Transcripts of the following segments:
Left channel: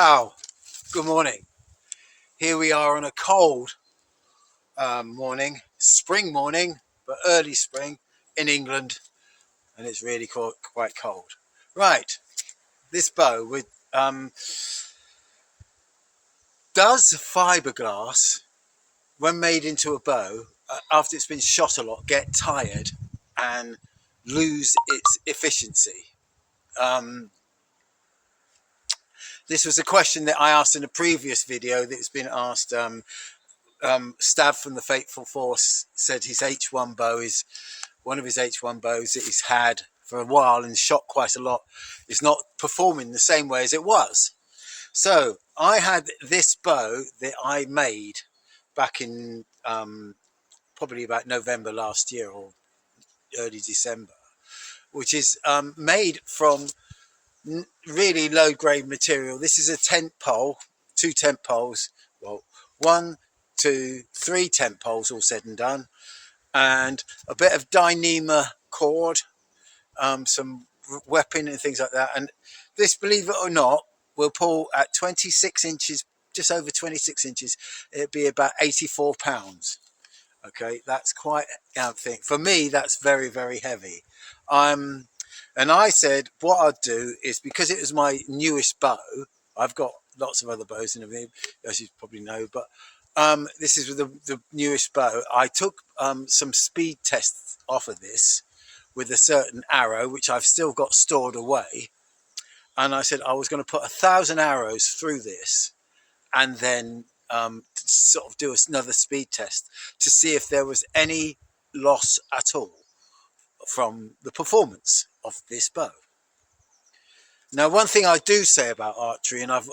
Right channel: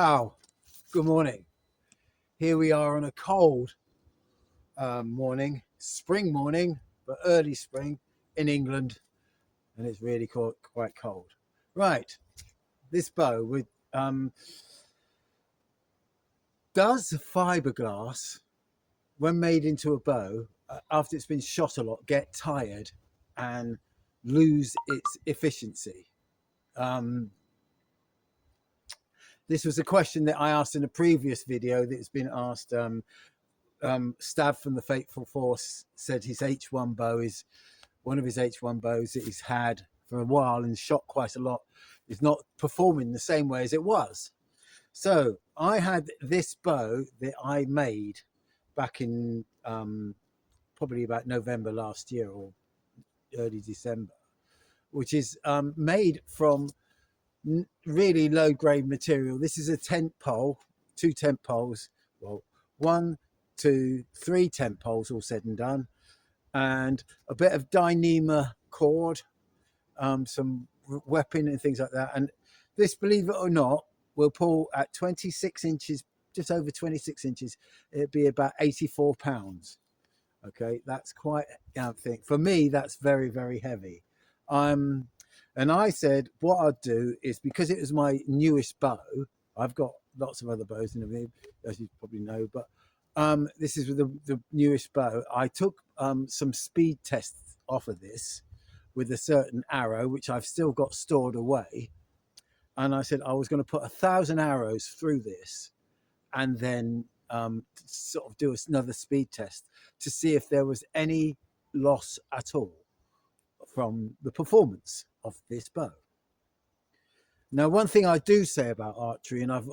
How? Good morning. Here we are on a cold morning, spring morning, but early spring in England, and it's really quite cold. Right, this bow with does fiberglass, when made into a bow, after it's been shot a lot, get tired and lose its efficiency? This was a question that I asked in a previous video that's been asked. Stav from the Fateful Force said his H1 bow is one of his H1 bows that he's had for a while and shot quite a lot, is not performing the same way as it was. So I had this bow that I made back in probably about November last year or early December, which is made from really low grade material. This is a tent pole, 2 tent poles, well, 1, 2, 3 tent poles all said and done, and a bit of Dyneema cord, some weapon and things like that. And this, believe it or not, will pull at 26 inches, just over 26 inches. It'd be about 84 pounds. Okay, that's quite a thing. For me, that's very, very heavy. And I said what I'd do is, because it was my newest bow, I've got lots of other bows in it, as you probably know, but this is the newest bow. I took some speed tests off of this with a certain arrow, which I've still got stored away. And I said I was going to put 1,000 arrows through this and then sort of do another speed test to see if there was any loss at all from the performance of this bow. Now, one thing I do say about archery, and I've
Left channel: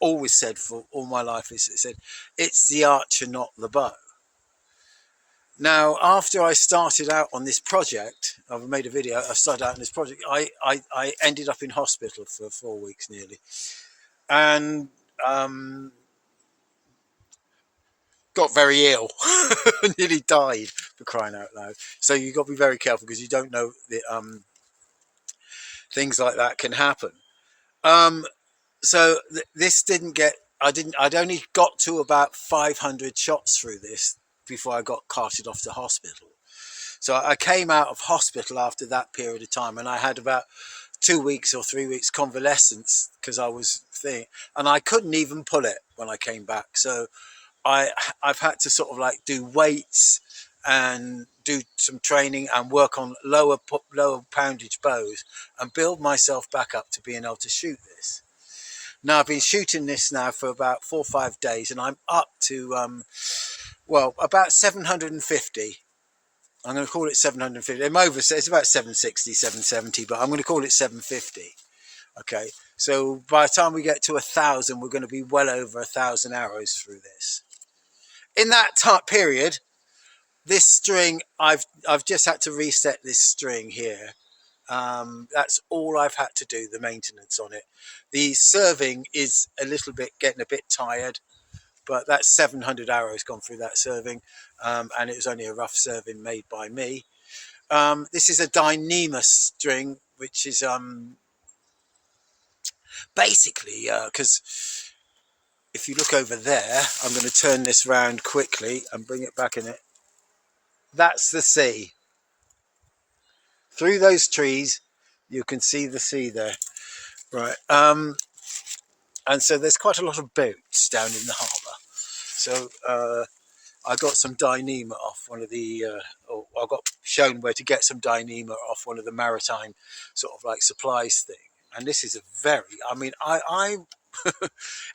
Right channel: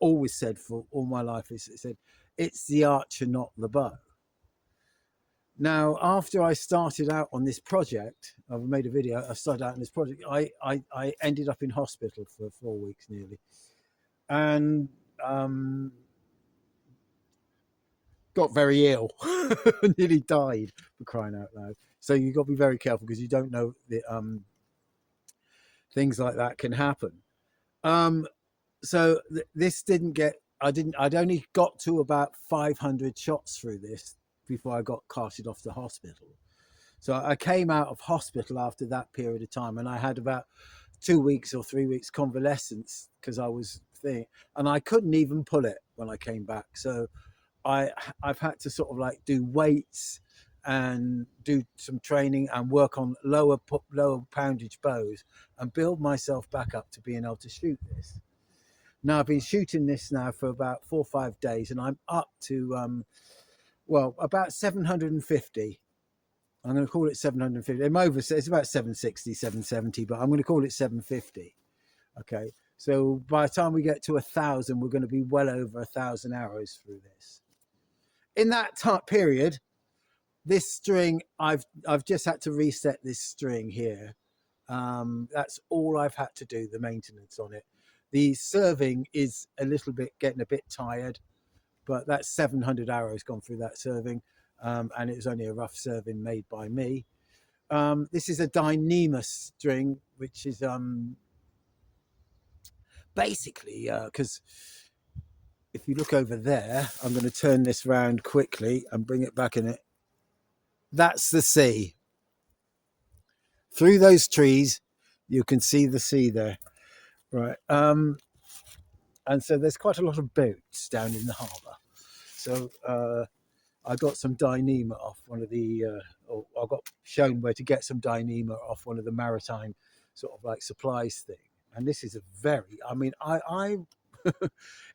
always said for all my life, is it's the archer, not the bow. Now, after I started out on this project, I've made a video, I started out on this project, I ended up in hospital for 4 weeks nearly, and got very ill, nearly died, for crying out loud. So you've got to be very careful, because you don't know that things like that can happen. So this didn't get, I'd only got to about 500 shots through this before I got carted off to hospital. So I came out of hospital after that period of time, and I had about 2 weeks or 3 weeks convalescence, because I was and I couldn't even pull it when I came back. So I've had to sort of like do weights and do some training and work on lower poundage bows and build myself back up to being able to shoot this. Now, I've been shooting this now for about 4 or 5 days, and I'm up to well, about 750. I'm going to call it 750. It's about 760, 770, but I'm going to call it 750. Okay, so by the time we get to 1,000, we're going to be well over 1,000 arrows through this. In that period, this string, I've just had to reset this string here. That's all I've had to do, the maintenance on it. The serving is getting a bit tired, but that's 700 arrows gone through that serving, and it was only a rough serving made by me. This is a Dyneema string, which is basically, because if you look over there, I'm going to turn this round quickly and bring it back in it. That's the sea. Through those trees, you can see the sea there. Right. And so there's quite a lot of boats down in the harbour. So I got some Dyneema off one of the, or I got shown where to get some Dyneema off one of the maritime sort of like supplies thing. And this is a very, I mean,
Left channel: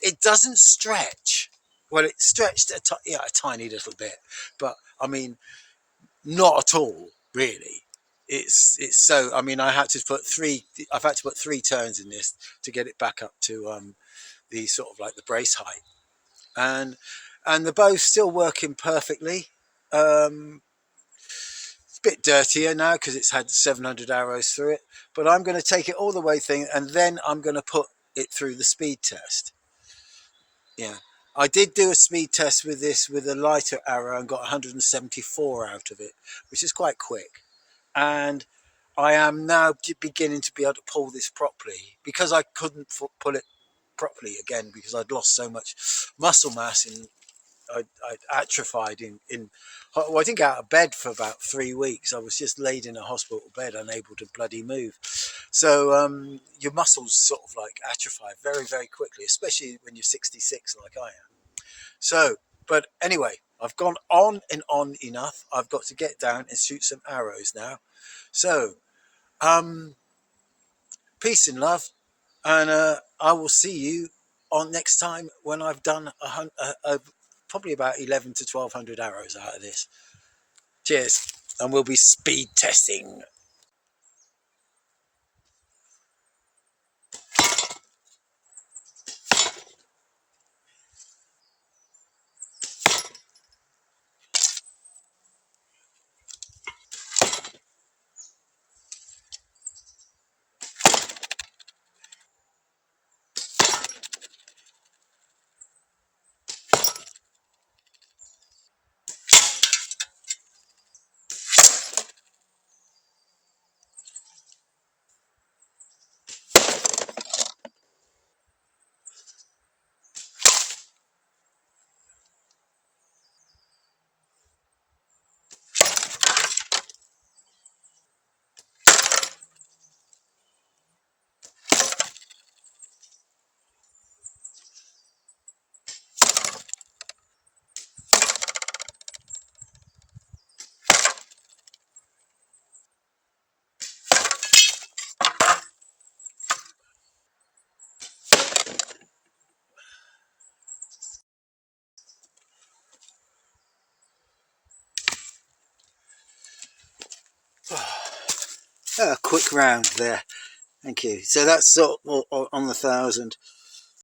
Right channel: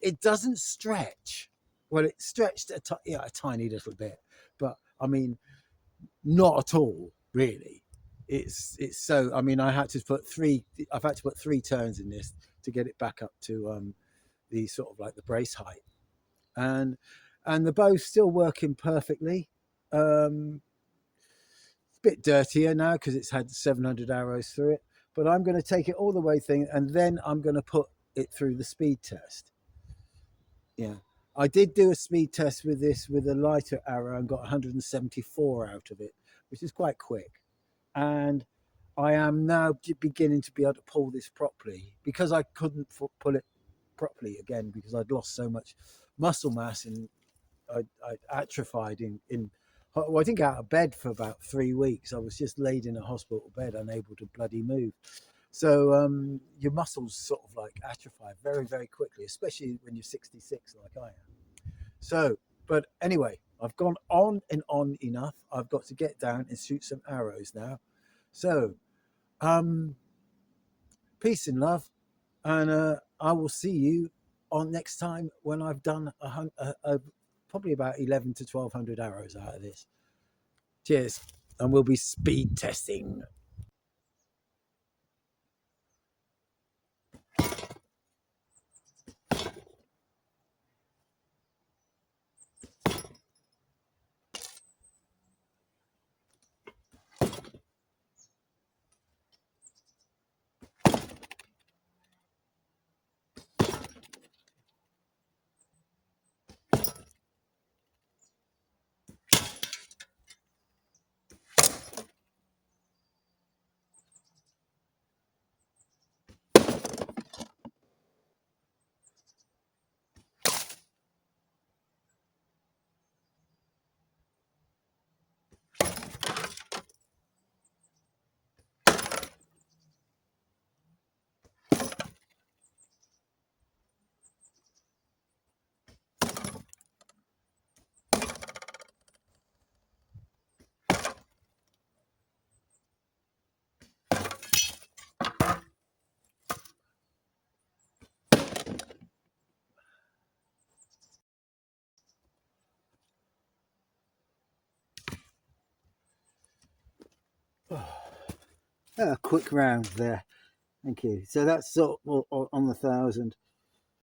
it doesn't stretch. Well, it stretched a tiny little bit, but I mean, not at all, really. It's so, I mean, I've had to put 3 turns in this to get it back up to the sort of like the brace height, and the bow's still working perfectly. It's a bit dirtier now because it's had 700 arrows through it, but I'm going to take it all the way thing, and then I'm going to put it through the speed test. Yeah, I did do a speed test with this with a lighter arrow and got 174 out of it, which is quite quick. And I am now beginning to be able to pull this properly, because I couldn't pull it properly again because I'd lost so much muscle mass and I'd atrophied well, I didn't get out of bed for about 3 weeks. I was just laid in a hospital bed, unable to bloody move. So your muscles sort of like atrophy very, very quickly, especially when you're 66 like I am. So, but anyway, I've gone on and on enough. I've got to get down and shoot some arrows now. So, peace and love, and I will see you on next time when I've done probably about 11 to 1200 arrows out of this. Cheers, and we'll be speed testing. A quick round there. Thank you. So that's sort of on the 1000.